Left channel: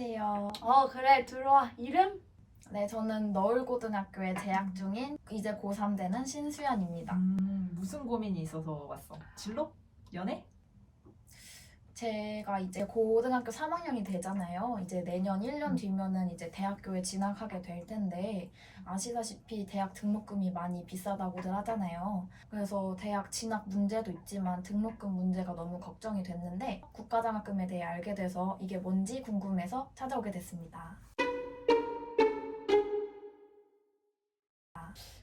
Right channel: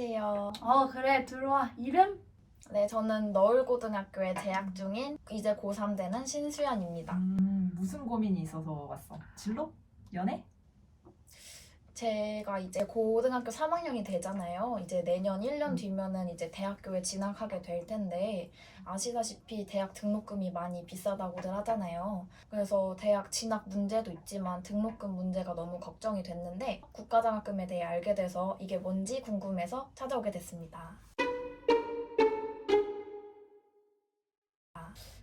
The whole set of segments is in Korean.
안녕하세요. 그래, 들어와. 이름? 네, 저는 너울고등학교에 재학 중인 이제 고3 되는 신수연입니다. 무슨 고민이 있어서 왔어? 진로? 연애? 제가 이제 고등학교 3학년이 되잖아요. 이제 내년 1년 뒤면은 이제 대학교에 진학하게 될 텐데, 아시다시피 대학 등록금이 많이 비싸다고들 하잖아요. 그래서 대학 진학 문제도 있지만 등록금 문제가 너무 걱정이 됐는데, 국가장학금에 대해 알게 돼서 이게 뭔지 궁금해서 찾아오게 됐습니다.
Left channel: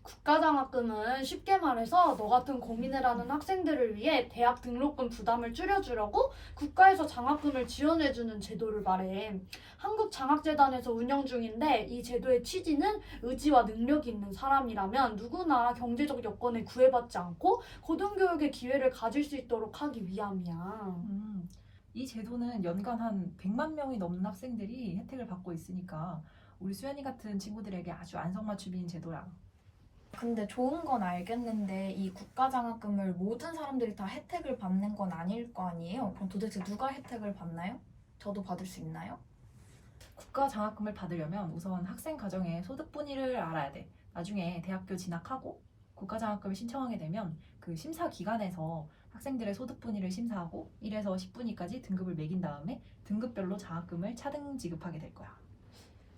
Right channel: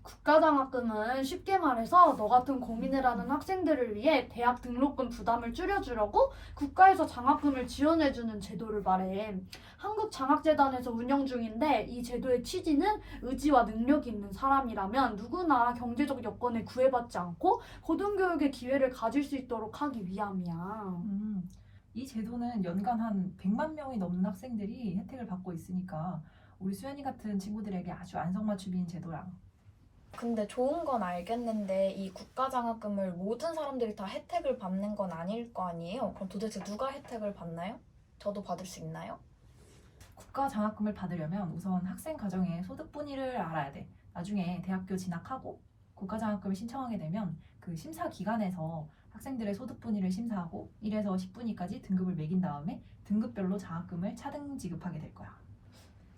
국가장학금은 쉽게 말해서 너 같은 고민을 하는 학생들을 위해 대학 등록금 부담을 줄여주려고 국가에서 장학금을 지원해주는 제도를 말해. 한국장학재단에서 운영 중인데 이 제도의 취지는 의지와 능력이 있는 사람이라면 누구나 경제적 여건에 구애받지 않고 고등교육의 기회를 가질 수 있도록 하기 위함이야. 이 제도는 연간 한 100만 명이 넘는 학생들이 혜택을 받고 있으니까 우리 수연이 같은 친구들에게 아주 안성맞춤인 제도라. 근데 좋은 건 알겠는데 이 국가장학금을 모든 사람들이 다 혜택을 받는 건 아닐 거 아니에요? 그럼 도대체 누가 혜택을 받나요? 저도 받을 수 있나요? 국가 장학금을 받으려면 우선 학생 가정의 소득 분위를 알아야 돼. 나중에 대학교 진학하고 국가 장학금을 신청하게 되면 그 심사 기관에서 학생들의 소득 분위를 심사하고 1에서 10분위까지 등급을 매긴 다음에 등급별로 장학금을 차등 지급하게 될 거야.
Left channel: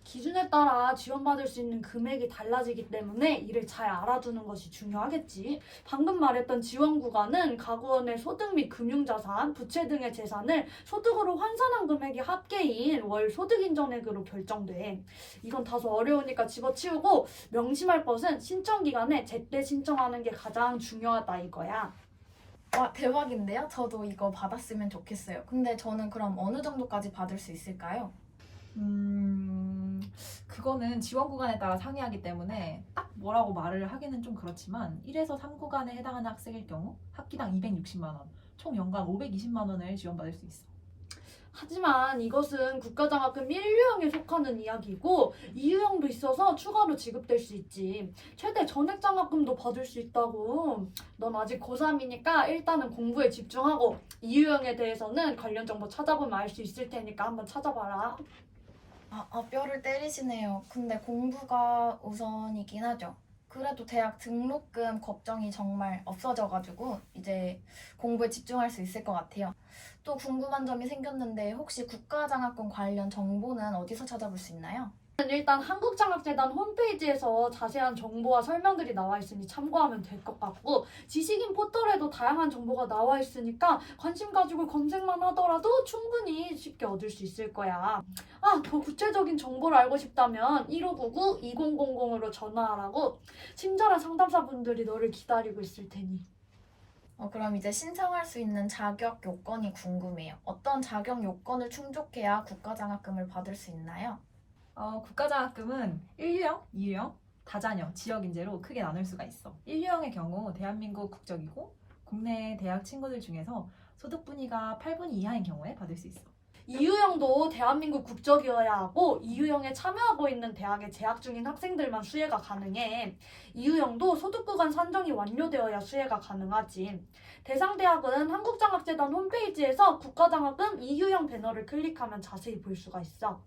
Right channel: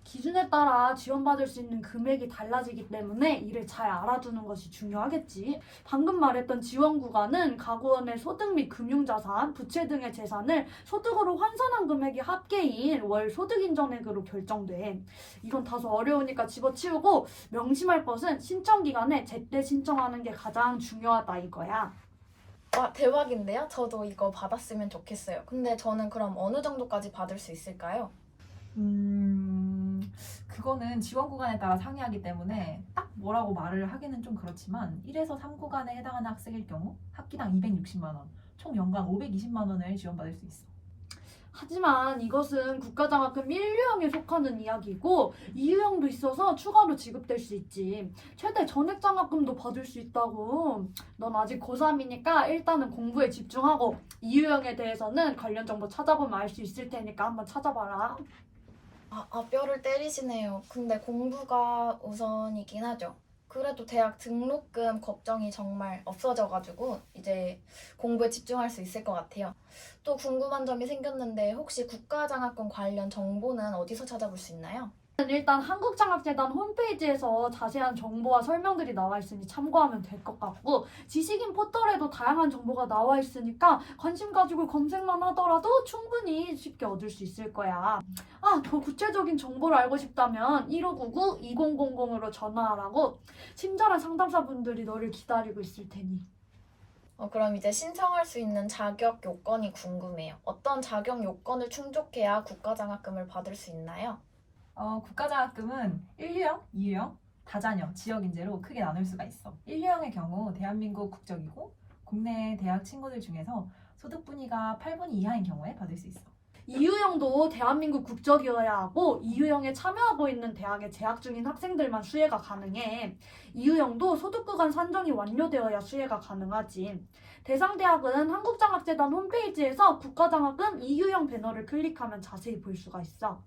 기준에 따라 지원받을 수 있는 금액이 달라지기 때문에 이를 잘 알아두는 것이 중요하겠지. 방금 말했던 지원 구간은 가구원의 소득 및 금융자산, 부채 등의 재산을 소득으로 환산한 금액이 합계인 월 소득인정액으로 결정돼. 이건 다소 어려우니까 집어치우고 명심할 것은 신청 기간에 제때 신청하는 게 가장 중요하다 이거야. 와, 대박인데요? 저도 이거 받았으면 좋겠어요. 근데 저는 그럼 어느 정도까지 받을 수 있을까요? 그거는 지원 구간에 따라 상이하기 때문에 딱 뭐라고 말을 하기는 좀 그렇지만 1에서 3 구간에 해당하는 학생일 경우 학기당 260만 원, 총 연간 520만 원을 지원받을 수 있어. 하지만 이것은 국가장학금 1유형에 속하는 이야기고 2유형도 있어서 추가로 지급될 수 있지. 최대 전액장학금도 받을 수 있다고. 넌 아직 고3이니까 일단은 공부에 집중하고 2유형에 대해서는 관련 정보 찾아보면 알 수 있을 테니까 한번 찾아봐라. 뼈를 때리시네요. 근데 공부가 우선이긴 하죠. 그래도 대학 등록금 걱정이 정말 없어져가지고 이제 공부에 집중할 수 있을 것 같아요. 또 궁금한 점이 생겼는데 혹시 국가장학금 관련 정보는 어디서 찾아볼 수 있나요? 일단 한국장학재단 홈페이지에서 자세한 정보와 설명들이 나와 있으니 참고하면 될 것 같고 지식인 포털에도 다양한 정보가 나와 있으니까 관심 가지고 검색만 하더라도 충분히 쉽게 얻을 수 있을 거야. 더 구체적인 정보를 알고 싶다면 1599-2000으로 전화하라고 친절한 상담사분들이 너를 기다리고 있을 테니. 그럼 이제 신청할 수 있는 자격 요건이 궁금해요. 어떤 자격 요건을 충족해야 국가장학금을 받을 수 있나요? 국가장학금은 1유형, 2유형, 다자녀, 지역인재로 크게 나눌 수가 있어. 1유형의 경우 대한민국 국적이고 국내 대학 친구들 중에서 소득 분위가 8분위 이하인 경우에 받을 수 있어. 2유형도 대한민국 국적이어야 하고 2유형에 참여하고 있는 대학에 재학 중인 학생들만 수혜가 가능해. 2유형도 소득구간 산정이 완료되어야 수혜가 가능하지. 대상 대학은 한국장학재단 홈페이지에서 국가장학금 2유형 배너를 클릭하면 자세히 볼 수가 있어.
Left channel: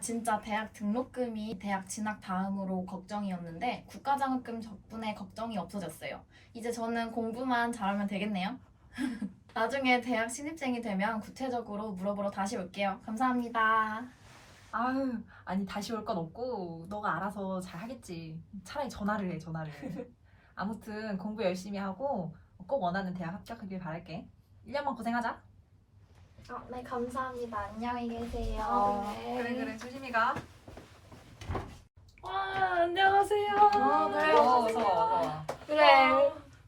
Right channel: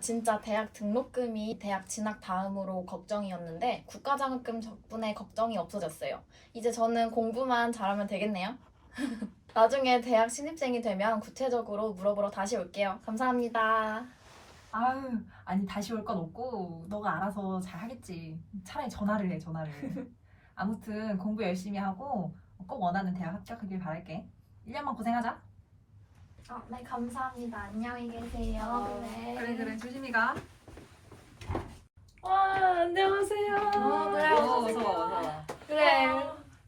진짜 대학 등록금이 대학 진학 다음으로 걱정이었는데 국가장학금 덕분에 걱정이 없어졌어요. 이제 저는 공부만 잘하면 되겠네요. 나중에 대학 신입생이 되면 구체적으로 물어보러 다시 올게요. 감사합니다. 아니 다시 올 건 없고 너가 알아서 잘 하겠지. 차라리 전화를 해, 전화를. 아무튼 공부 열심히 하고 꼭 원하는 대학 합격하길 바랄게. 1년만 고생하자. 네, 감사합니다. 안녕히 계세요. 그래, 조심히 가. 와, 안녕하세요. 어서 와. 그래.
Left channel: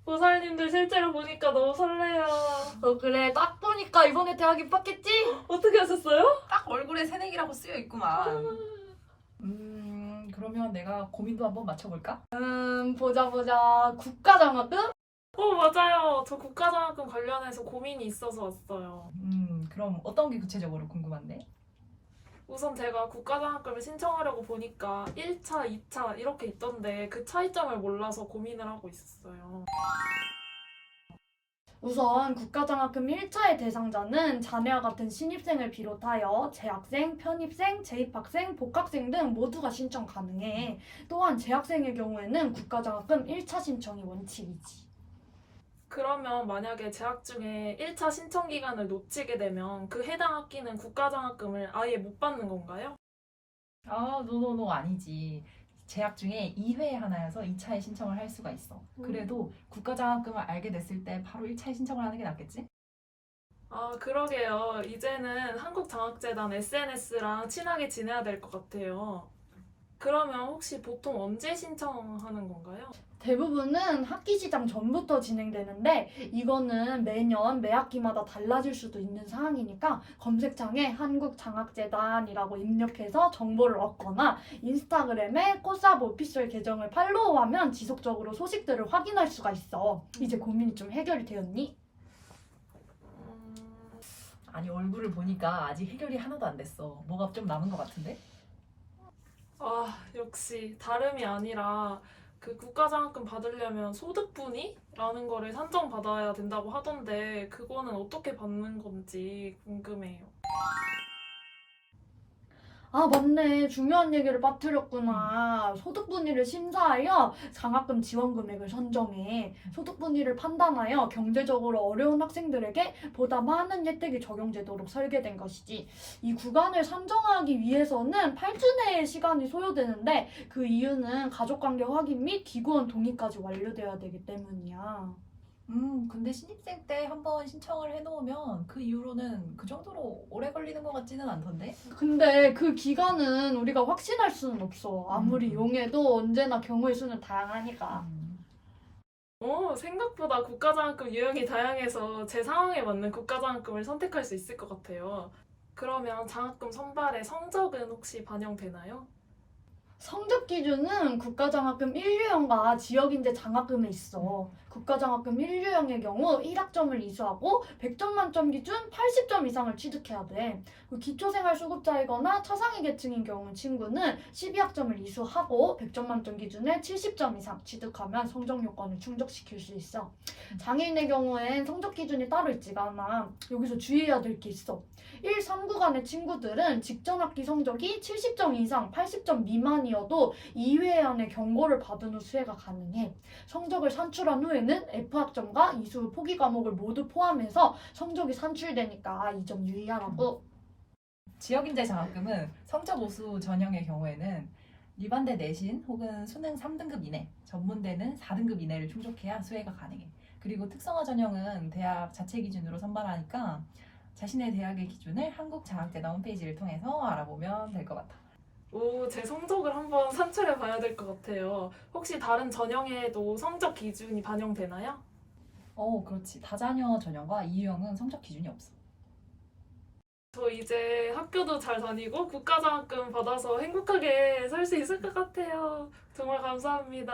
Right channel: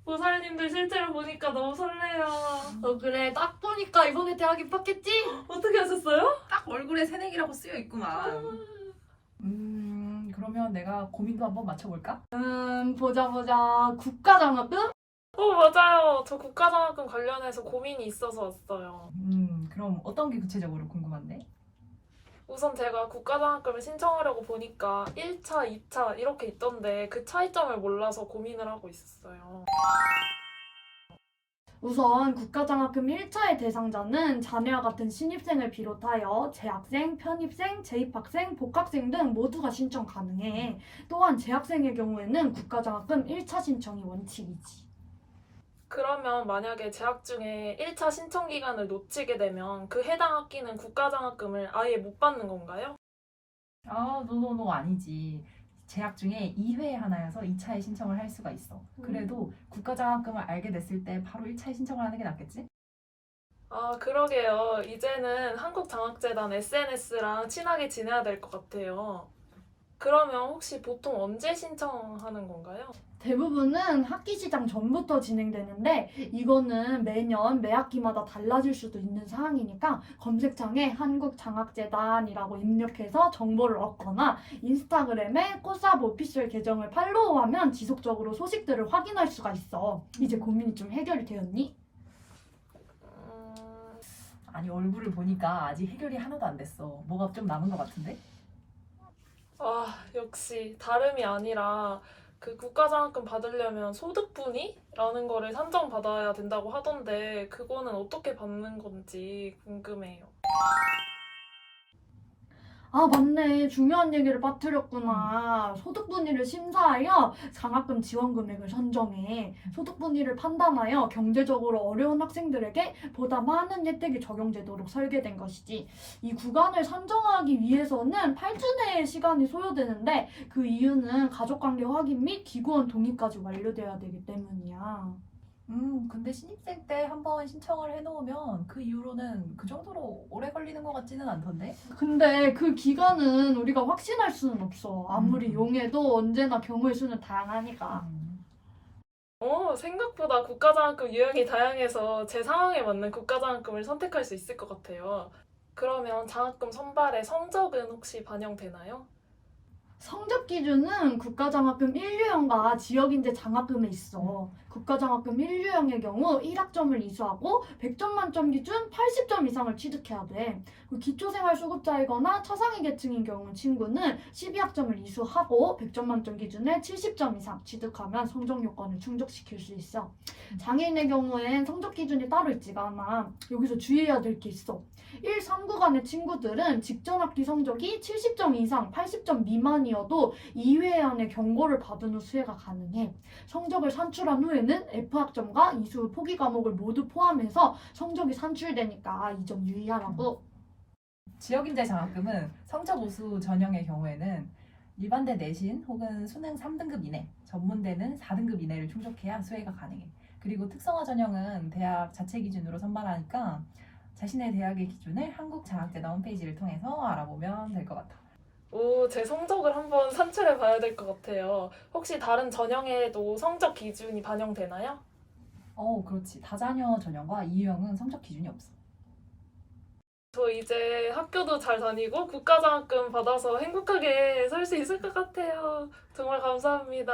보살님들 실제로 보니까 너무 설레요. 그래, 딱 보니까 이번에 대학 입학했지? 어떻게 하셨어요? 딱 얼굴에 새내기라고 쓰여 있구만. 그러면 내가 고민도 한번 맞춰볼까? 보자. 국가장학금? 맞아요. 저 국가장학금 관련해서 고민이 있어서 왔어요. 그럼 어떤 게 구체적으로 궁금한데? 우선 제가 국가장학금을 신청하려고 보니까 1차, 2차 이렇게 있던데 그 차이점을 몰라서 고민을 하고 있었어요. 우선 국가장학금 1차의 대상자는 자네와 같은 신입생을 비롯하여 재학생, 편입생, 재입학생, 복학생 등 모두가 신청 가능해. 또한 재학생의 경우에는 국가장학금 1차 신청이 원칙이지. 그러면 만약에 재학 중에 1차 신청 기간을 놓치게 되면 그 해당 학기는 국가장학금을 아예 못 받는 건가요? 아, 노노노 아니지. 재학 중에 2회 하나여서 2차에 신청을 할 수가 있어. 그래도 국가장학금을 알게 됐을 때 바로 1차에 신청을 하는 게 낫겠지? 아, 그러게요. 이제는 한국장학재단 SNS랑 친하게 지내야 될 것 같아요. 그러면 혹시 보통 언제 신청하는 건가요? 대부분은 학기 시작 전부터 진행되는데 이거는 매년 매 학기마다 달라질 수도 있는 사항이니까 검색창에 한국장학재단이라고 입력해서 정보를 얻거나 인스타그램에 코스압 오피셜 계정을 팔로우하면 지속적으로 소식들을 확인할 수가 있어. 이제 고민이 좀 해결이 되었니? 아니, 얼굴을 보니까 아직 해결이 하나도 안 됐어. 뭐가 좀 남은 것 같은데? 아, 역시 다름이 아니라 그 국가장학금 받으려면 소득분위라는 거를 산정받아야 된다고 하던데 그거는 어떻게 받는 건지 궁금해요. 아, 맞네. 중요한 얘기를 빠뜨렸구나. 소득분위를 심사하여 장학금 지원 금액을 선정해. 소득분위를 판단하여 경제적으로 어려운 학생들에게 보다 많은 혜택이 적용되도록 설계된 것이지. 이 구간을 산정하기 위해서는 8주 내의 시간이 소요되는데 그 이유는 가족관계 확인 및 기구원 동의까지 완료되어야 되기 때문이야. 근데 신입생 때 한번 신청을 해놓으면 그 이후로는 그 정도로 오래 걸리는 것 같지는 않던데? 근데 그 기간은 우리가 확신할 수는 없어. 아무리 음. 용해도 언제나 경우의 수는 다양하니까. 생각보다 국가장학금 유형이 다양해서 제 상황에 맞는 국가장학금을 선택할 수 있을 것 같아요. 그러면 장학금 선발의 성적은 혹시 반영되나요? 성적 기준은 국가장학금 1유형과 지역인재 장학금에 있어. 국가장학금 1유형의 경우 1학점을 이수하고 100점 만점 기준 80점 이상을 취득해야 돼. 기초생활수급자이거나 차상위 계층인 경우 친구는 12학점을 이수하고 100점 만점 기준에 70점 이상 취득하면 성적 요건을 충족시킬 수 있어. 장애인의 경우엔 성적 기준이 따로 있지가 않아. 여기서 주의해야 될 게 있어. 1, 3구간의 친구들은 직전 학기 성적이 70점 이상 80점 미만이어도 2회 안에 경고를 받은 후 수혜가 가능해. 성적을 산출한 후에는 F학점과 이수 후 포기 과목을 모두 포함해서 성적이 산출되니까 이 점 유의하라고. 지역인재 장학금은 성적 우수 전형의 경우에는 일반대 내신 혹은 수능 3등급 이내, 전문대는 4등급 이내를 충족해야 수혜가 가능해. 그리고 특성화 전형은 대학 자체 기준으로 선발하니까 자신의 대학의 기준을 한국장학재단 홈페이지를 통해서 알아보면 될 것 같아. 오, 제 성적을 한번 산출해 봐야 될 것 같아요. 혹시 다른 전형에도 성적 기준이 반영되나요? 그렇지. 다자녀 전형과 이유형은 성적 기준이 없어. 저 이제 학교도 잘 다니고 국가장학금 받아서 행복하게 살 수 있을 것 같아요. 정말 감사합니다.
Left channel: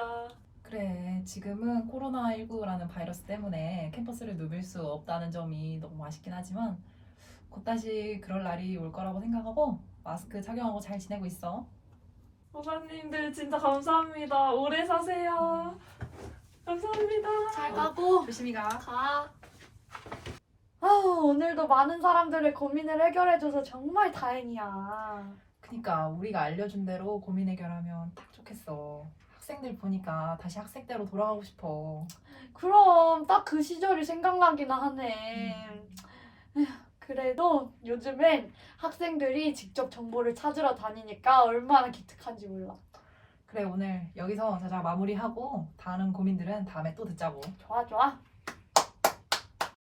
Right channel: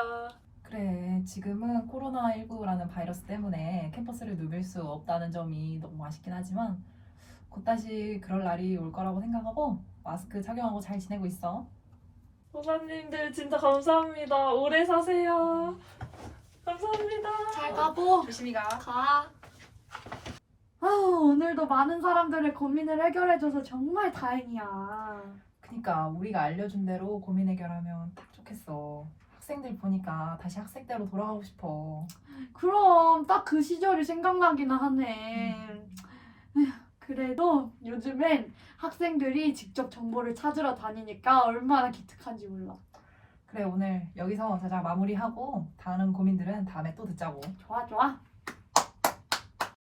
그래, 지금은 코로나19라는 바이러스 때문에 캠퍼스를 누빌 수 없다는 점이 너무 아쉽긴 하지만 곧 다시 그럴 날이 올 거라고 생각하고 마스크 착용하고 잘 지내고 있어. 선생님들 진짜 감사합니다. 오래 사세요. 감사합니다. 잘 가보. 조심히 가. 가. 오늘도 많은 사람들의 고민을 해결해줘서 정말 다행이야. 그니까 우리가 알려준 대로 고민 해결하면 딱 좋겠어. 학생들 보니까 다시 학생 때로 돌아가고 싶어. 그럼 딱 그 시절이 생각나기나 하네. 에휴, 그래도 요즘엔 학생들이 직접 정보를 찾으러 다니니까 얼마나 기특한지 몰라. 그래, 오늘 여기서 자작 마무리하고 다른 고민들은 다음에 또 듣자고. 좋아, 좋아.